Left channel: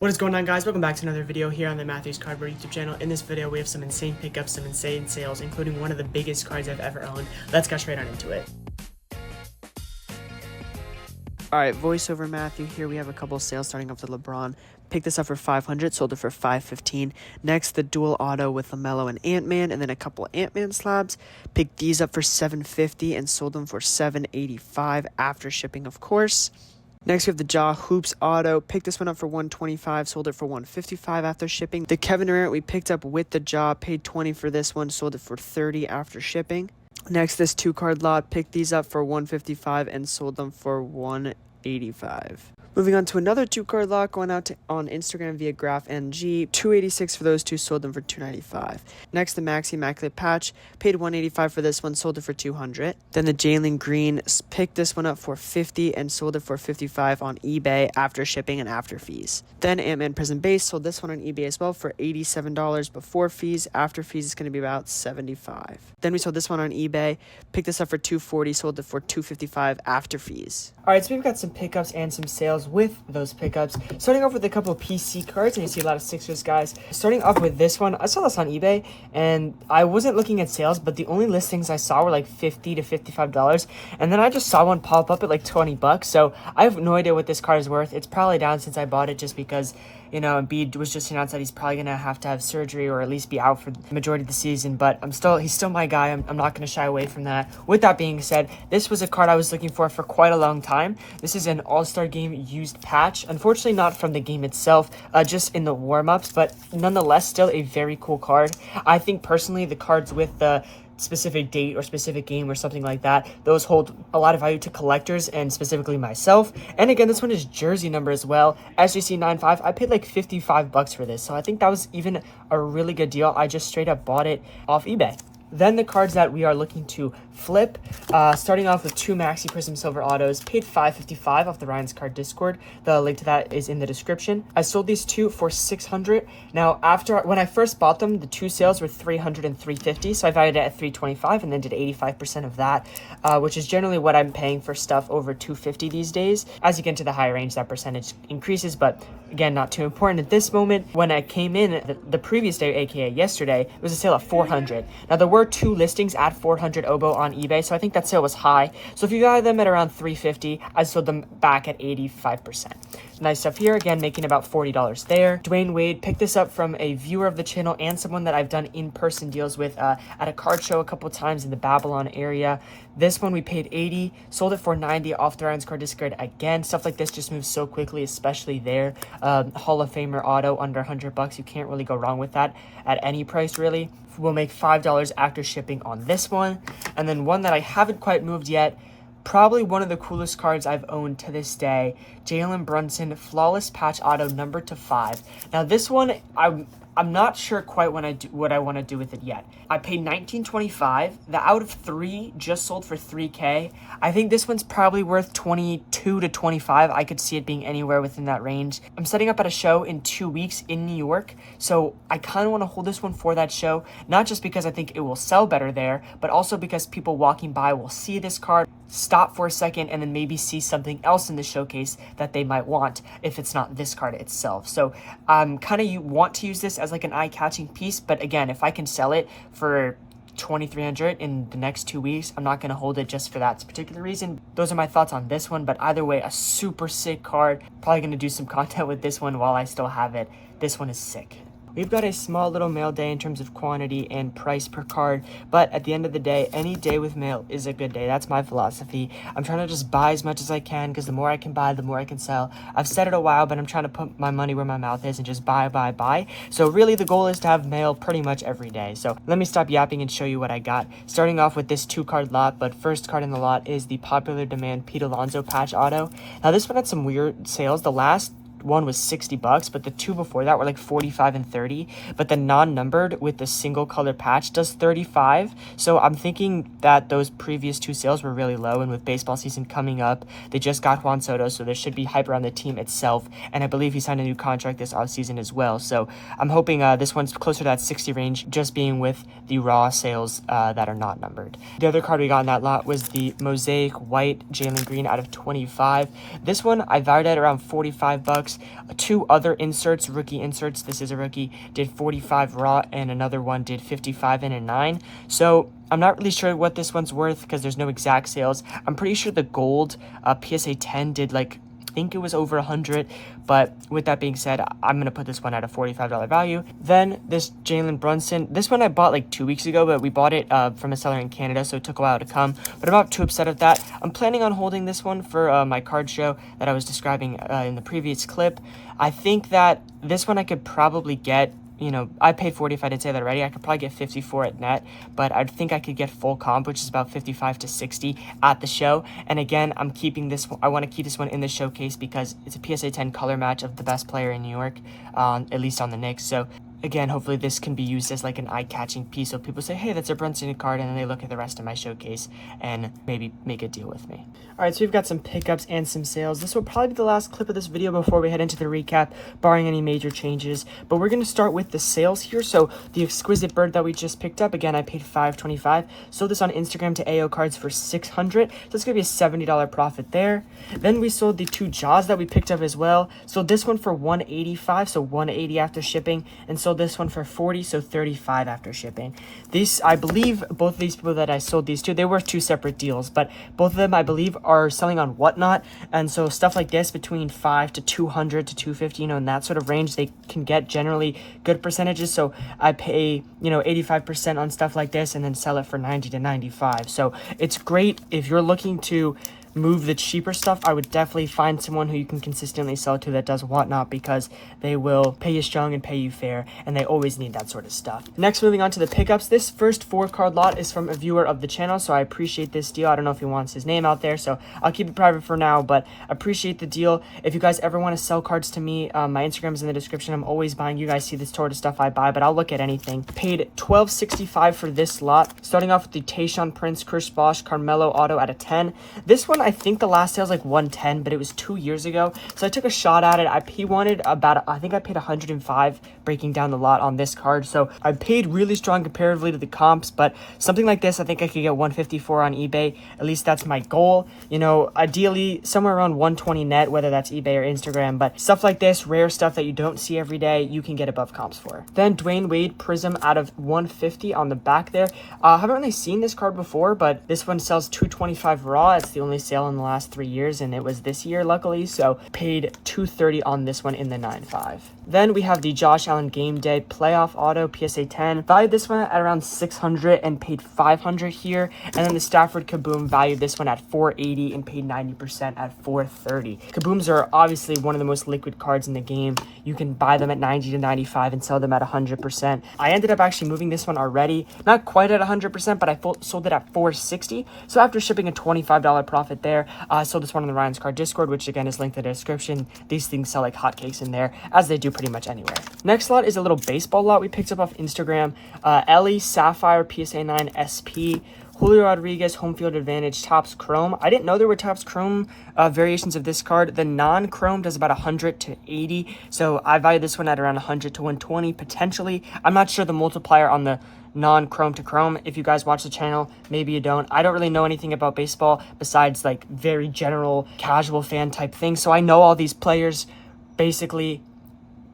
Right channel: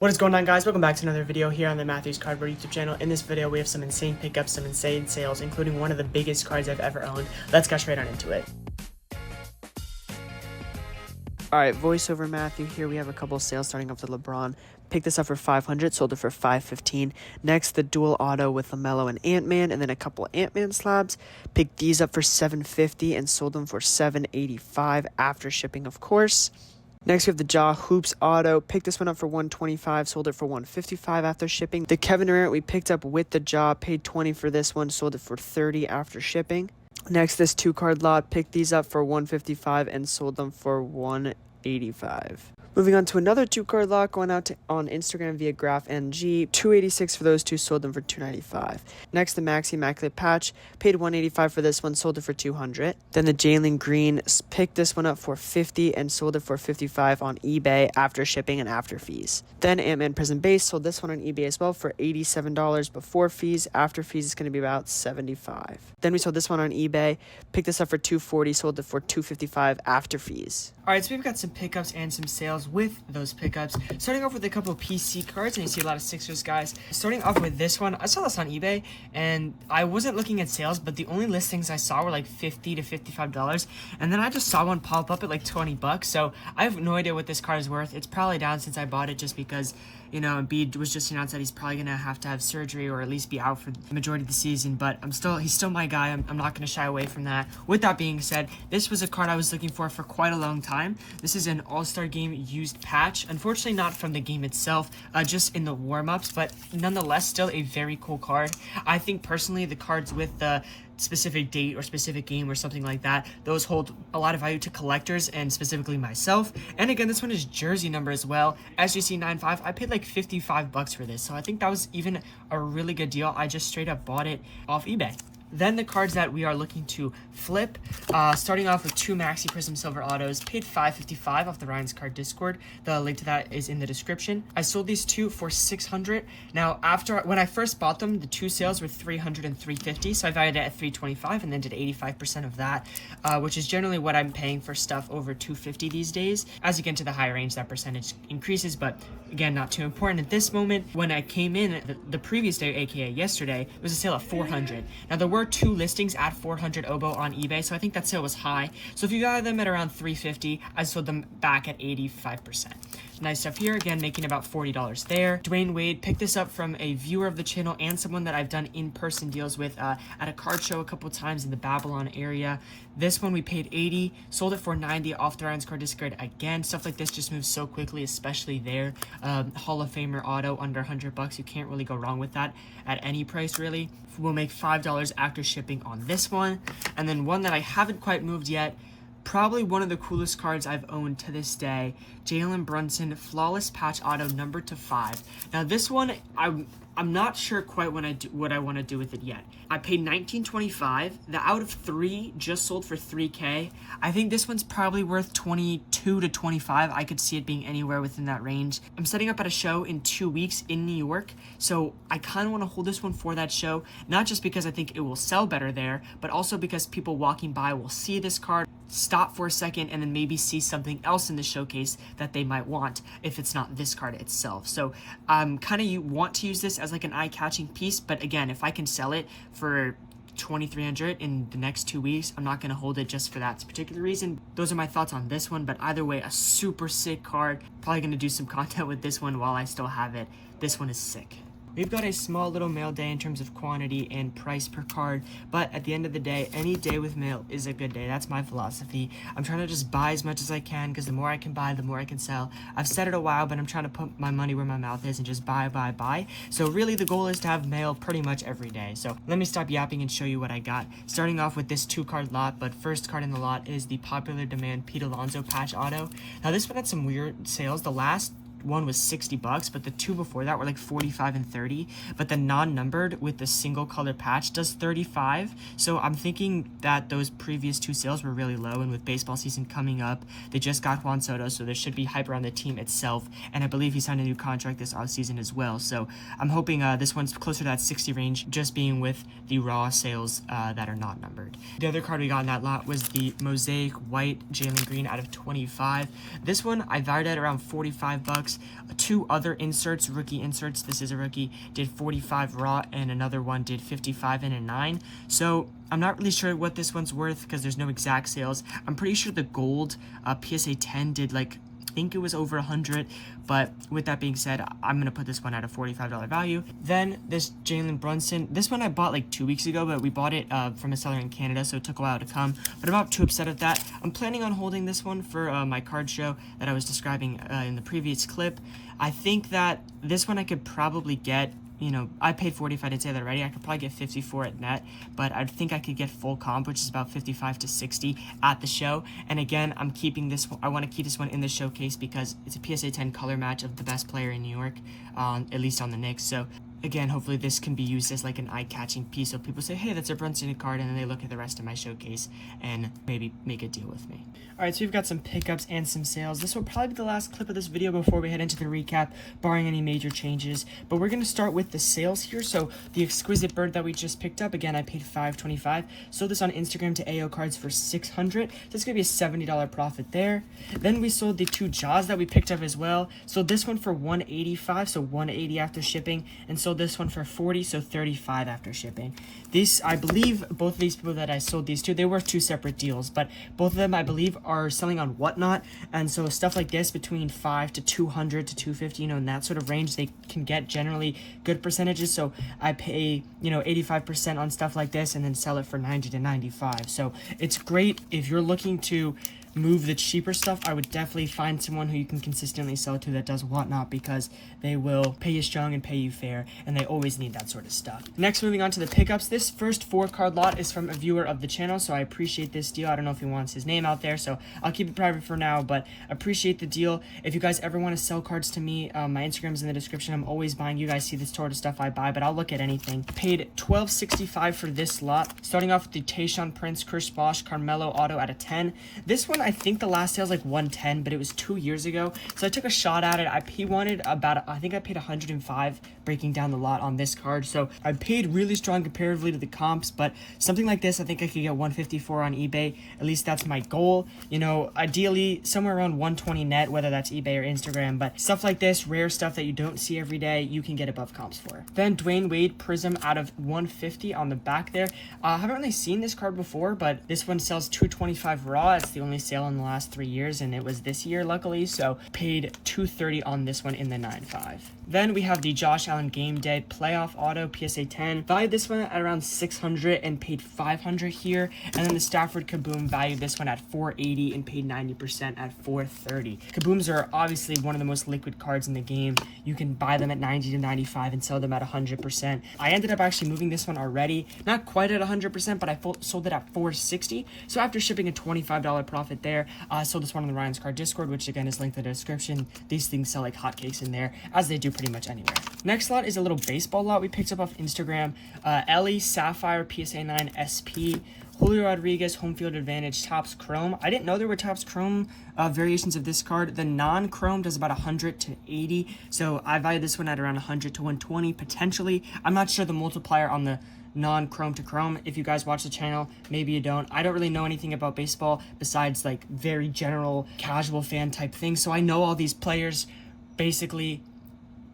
What is going on, guys? Welcome back to another video here on the Matthews Cardboard YouTube channel. In this video, we have some insane pickups, some insane sales, including one of the biggest cards I've ever owned. Let's get straight on into it. Alright, voiceover Matthew here. We have a couple of sales starting off with LeBron. Picked this up for $500, sold it for $515. Next, the dual auto with LaMelo and Ant-Man, and then a couple of Ant-Man slabs. Picked these up for $750 and sold them for $785 after shipping, of course. Next, we have the Ja Hoops auto. Picked this one up for $125, sold it for $155 after shipping. The Kevin Durant we picked up with the Ja, paid $20 for this one, sold it for $30 after shipping. Next, this 2-card lot, picked these up for $155 and sold them for $185. Moving on to another 2-card lot, going out on Instagram via GraphNG, $286 for those two, sold them for $295. Next, the Maxi Immaculate Patch, paid $185 for this one, sold it for $200. Then the Jalen Green, picked this one up for $50 and sold it for $55 on eBay after shipping and after fees. Then Ant-Man Prism Base, sold this one on eBay as well for $87 before fees. After fees, it's going to be about $75. Then we sold this one on eBay, picked this up for $240, sold it for $255 after fees. Alright, so we've got some pickups and some sales with those pickups. Starting off with a couple of PC cards, and you see a lot of Sixers guys. Starting off with this one, I saw this on eBay, and I wasn't looking at sales, but the only listings I saw were like $50 to $55, and then I just saw one pop up at like $20, so I have no idea what this card is worth. It's probably down since I bought it just because, you know, Embiid was just announced that he's probably going to have surgery or at least be out for the majority of the season, but he's still my guy. I'm not going to shy away from that. With that being said, this was a card I was looking for quite a long time. This is an All-Star Game used patch. Unfortunately, not from the game itself, just in the warm-ups, but nonetheless, still a very cool card. I think personally, the cards with the specific date or specific game or something like that, those hold a lot of value to collectors and specifically myself. And again, this one is jersey number as well, SGC95. I paid like $55 for this, so I think that was even a really good deal. I just straight up bought it off eBay. Then the cards that we are looking to flip, starting off with 2 Maxi Prism Silver Autos, paid $555 off the Ryan's Card Discord. The link to that is in the description. I sold these two for $600. Now, when I first bought them, the two sales were $300 and $350, so I valued it at $325 and then did 85% of that, which is generally what I'm paying for stuff over $250 these days. As you get into the higher range, that percentage increases, but again, not too important at this moment. When I came in the previous day, aka yesterday, it was a sale at $400. Now, there were 2 listings at $400 Obo on eBay, so I think that sale was high. So if you got them at around $350, I sold them back at 85%. Nice stuff here, again, making about $40 there. Dwayne Wade picked this up from a viewer of the channel and someone that I've done in-person deals with at a card show a couple times in the Babylon area. This one we paid $80, sold it for $90 off the Ryan's Card Discord. Again, stuff like this just moves so quickly, especially there. Hall of Famer auto under $100, you can't really go wrong with that at any price, really. We'll make $5 after shipping on this one. And then one that I haven't quite moved yet, probably one of the coolest cards I've owned to this day, Jalen Brunson Flawless Patch Auto number /5. Now this one, I'm not sure quite what I want to do with it yet. I paid $19.25. The out of 3 just sold for $3K. I think this one's probably worth $22 to $25. I could see it being anywhere within that range. I'm setting up at a show in 2 weeks in New York, so I kind of want to hold this one for that show, not just because I think it will sell better there, but also because people walking by will see this card, stop for a second, and then maybe see something else in the showcase that they might want if it's not this card itself. So kind of want to use this as like an eye-catching piece, but again, if I can sell it for $2,300 in the next 2 weeks, I'm not going to hold it just for that particular reason. Those are my thoughts on this one, but either way, a super sick card. Probably going to do some content with this one while I still have it. This one is sick. We've got a small little mail day in terms of quantity and price per card, but at the end of the day, any day with mail is a good day. That's my philosophy. I'm trying to just buy as much as I can because the more I can buy, the more I can sell. I've said it a while, but I'm trying to put my money where my mouth is and just buy. So really the goal is to have mail pretty much every day. So let me stop yapping and show you what I got. Starting off with this 2-card lot, but first card in the lot is the Popular Demand Pete Alonso Patch Auto. Now this one had some weird sales. The last one was $60, but the 2 before that were like $45 and $30, but the non-numbered with the single color patch does $35. So I'm thinking that those previous 2 sales were really low, and with baseball season coming up, they just got Juan Soto, so there should be hype around the team itself, and I believe he signed a new contract this offseason as well. So I'm hoping this one's closer to that 60 range, just being with the raw sales that are not numbered. The other card we got in that lot was the Mosaic White Jalen Green out of 25. This one I valued at around $45. bucks. Two other inserts, rookie inserts, this is a rookie, did 45 raw, and another one did 55 in a 9. So I'm not really sure what this one's worth because there's no exact sales. I'm pretty sure the gold PSA 10 did like, I think it was over 100. But with that being said, I'm going to put this one at a $45 value. Then this Jalen Brunson, this one I bought like 2 weeks ago, but we bought it from a seller in Canada, so it took a while to come. But I'm not too upset at that. I'm planning on holding this one for my card show that I was describing in the previous clip. I think that this one I could probably get, you know, I paid 40 if I didn't say that already. I could probably get 54 at net, but I think I could get full comp, which is about 55 to 60 at the show. And again, I'm keeping this, I want to keep this one in the showcase because it's a PSA 10 color match of the best player in New York, at least on the Knicks. So again, hopefully this can be used as like an eye-catching piece, so people say, hey, that's a Brunson card, and then they look at the rest of my showcase and maybe make a deal with me. All right, so we've got some pickups and some sales. This will probably be the last clip of this video before we head into the recap, barring any major changes. But we're going to start with the sales here. So the Exquisite Bird that we just picked up, again, I paid $5.25. Sold this on Instagram to AO Cards for $600. So it's going to be a $70 profit there. Then we sold the two Jaws that we picked up as well. Sold this one for $185, so $180 after shipping, and sold this one for $40, so $35 after shipping. These, I believe, both of these people that I sold these to, they were two separate deals, but both of them, I believe, are selling on Whatnot, and so stuff like this between 5 to 200 to 250, you know, in that sort of range, they can get generally good percentages. So I pay, you know, 85% on stuff like this, and then sell it for 90 to 95. So it's great if you're looking to move the cheaper stuff. I would definitely find someone who you can consistently sell to that does Whatnot, because they will pay you strong and pay you fair, and they always need that sort of stuff. Next, moving on to the pickups. This first 4-card lot is from a viewer of the channel, so I appreciate this deal. I don't know if he wants his name out there, so I'll keep it private for now, but appreciate the deal. If you guys ever want to sell cards to me, my Instagram is in the description. I'm always buying. You guys see this sort of stuff I buy, but I'll look at anything. Paid $12.65 for this lot, starting off with the Tayshaun Prince, Chris Bosh, Carmelo auto at a 10. This one, I think the last sale was like 110, but it was 2 years ago, so I took a shot at it. He wanted about, I think I paid 105 breaking down the lot on this card, so I paid really strong comparatively to the comps, but something like this, I think I could get 154 on eBay. At least that's my goal. You know, ideally somewhere around 120 net, whether that's eBay or Instagram, but stuff like this, rare stuff that you don't see every day, you can get above comps for. Then Dwayne Wade Prism out of 150 on the back there. I haven't really seen this card before, but this one sells 225 raw. It's the only sale in the last 3 years, and it was this year, luckily, so paid $230 on this one in the 9.5. Then we have the Josh Allen Game Day Playoff Auto PSA 10. Valued this one at around $600 and paid $500 here. And then the Stafford Kaboom valued this one at $480 and paid 90% at $430. Kabooms are obviously one of the most liquid cards in the game. You can buy them at 90 to 95 and sell them at 100%. I ended up actually moving this one already, not quite at 100%, but I sold it at $460. So after shipping a $25 profit there, I sold this one on the Ryan's Card Discord, which again is linked in the description. These things sell like hotcakes in there, as they do pretty much anywhere. Next lot is a little baseball lot we picked up off Instagram. Ellie Sapphire PSA 9 SP. Julio Rodriguez Home Field Advantage Topps Chrome. I didn't know there were Topps Chrome variations of this card. The non-Chrome does about 100 to 80, so I value this one at around 100 to 120 potentially. I'm not sure the multiplier on the non-Chrome to Chrome. If you guys watch the channel, maybe you don't. I don't really know anything about baseball besides like very general casual fan type things, so I know all these players. Basically,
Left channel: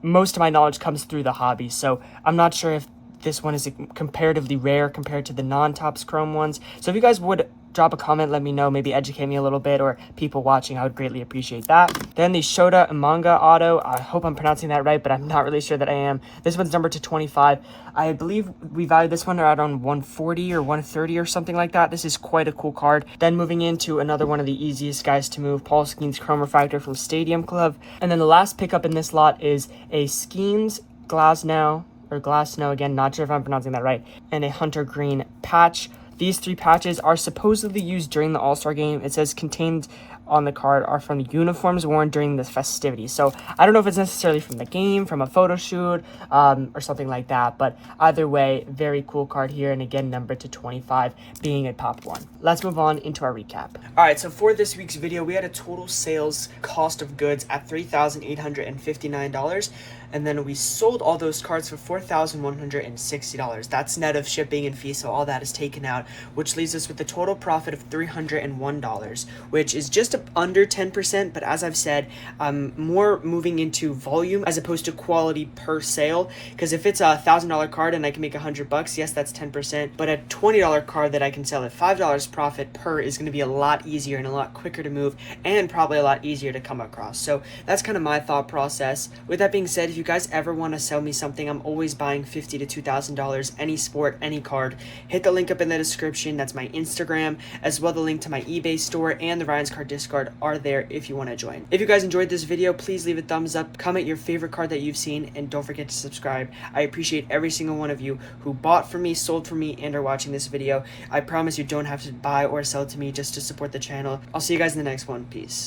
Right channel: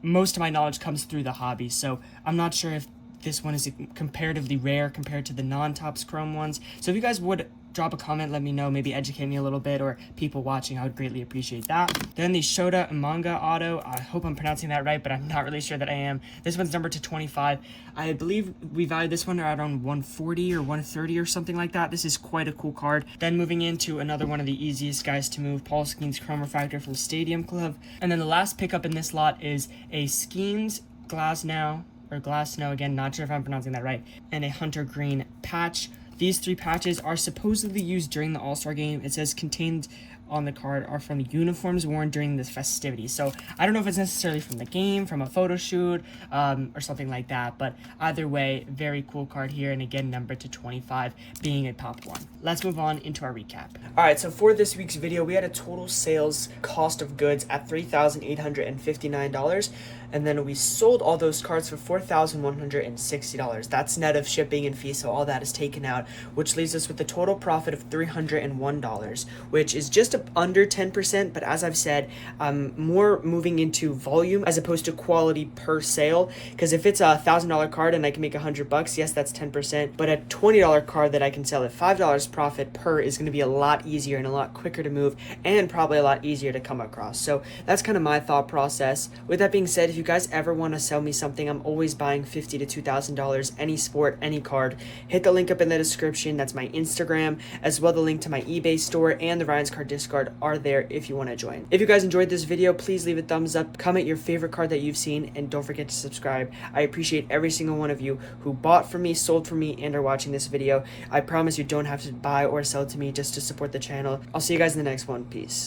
most of my knowledge comes through the hobby, so I'm not sure if this one is comparatively rare compared to the non-Topps Chrome ones. So if you guys would drop a comment, let me know, maybe educate me a little bit, or people watching, I would greatly appreciate that. Then the Shota Umanga Auto, I hope I'm pronouncing that right, but I'm not really sure that I am. This one's numbered to 25. I believe we valued this one around 140 or 130 or something like that. This is quite a cool card. Then moving into another one of the easiest guys to move, Paul Skeens Chrome Refractor from Stadium Club. And then the last pickup in this lot is a Skeens Glasnow, again, not sure if I'm pronouncing that right, and a Hunter Green patch. These 3 patches are supposedly used during the All-Star game. It says contained on the card are from uniforms worn during the festivities. So I don't know if it's necessarily from the game, from a photo shoot, or something like that. But either way, very cool card here. And again, numbered to 25, being a top one. Let's move on into our recap. All right, so for this week's video, we had a total sales cost of goods at $3,859. and then we sold all those cards for $4,160. That's net of shipping and fees, so all that is taken out, which leaves us with a total profit of $301, which is just under 10%, but as I've said, I'm more moving into volume as opposed to quality per sale, because if it's a $1,000 card and I can make $100, yes, that's 10%, but a $20 card that I can sell at $5 profit per is going to be a lot easier and a lot quicker to move, and probably a lot easier to come across. So that's kind of my thought process. With that being said, if you guys ever want to sell me something, I'm always buying $50 to $2,000, any sport, any card. Hit the link up in the description. That's my Instagram, as well the link to my eBay store and the Ryan's Card Discard are there if you want to join. If you guys enjoyed this video, please leave a thumbs up, comment your favorite card that you've seen, and don't forget to subscribe. I appreciate every single one of you who bought from me, sold from me, and are watching this video. I promise you don't have to buy or sell to me just to support the channel. I'll see you guys in the next one. Peace.